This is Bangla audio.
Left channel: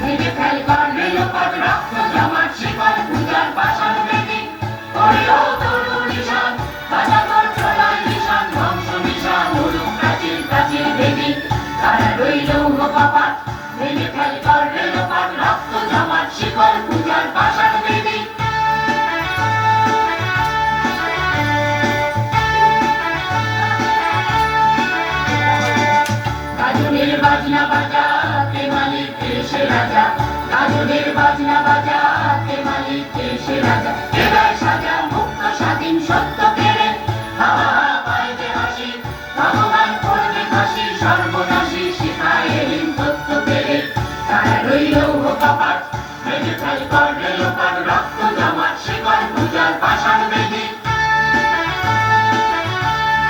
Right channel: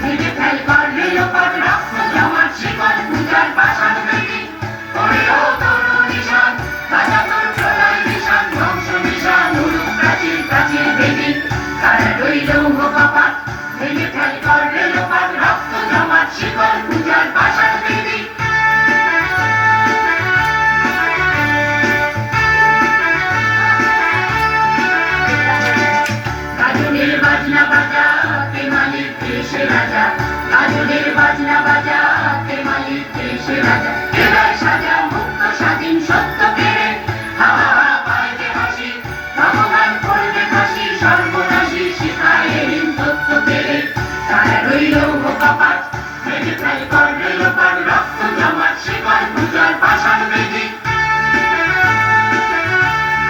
ভেঙে ফেল করলে লোপাট রক্ত জমাট শিকল পূজার পাষাণ বেদি করল তরু নিশান বাজা তোর প্রলয় নিশান ধ্বংস নিশান উড়ুক প্রাচীর প্রাচীর বেদি তারা রইল কপাট ভেঙে ফেল করলে লোপাট রক্ত জমাট শিকল পূজার পাষাণ বেদি গাজনের বাজনা বাজা তে মালিক দেশে রাজা গাজনের বাজনা বাজা তে মালিক দেশে রাজা এবার সাজা মুক্ত স্বাধীন সত্য কেড়ে হাওয়া পাইবে হাসি ভগবান করবে ফাঁসি সর্বনাশী শিখায় তত্ত্ব কেড়ে তারা রইল কপাট ভেঙে ফেল করবে লোপাট রক্ত জমাট শিকল পূজার পাষাণ বেদি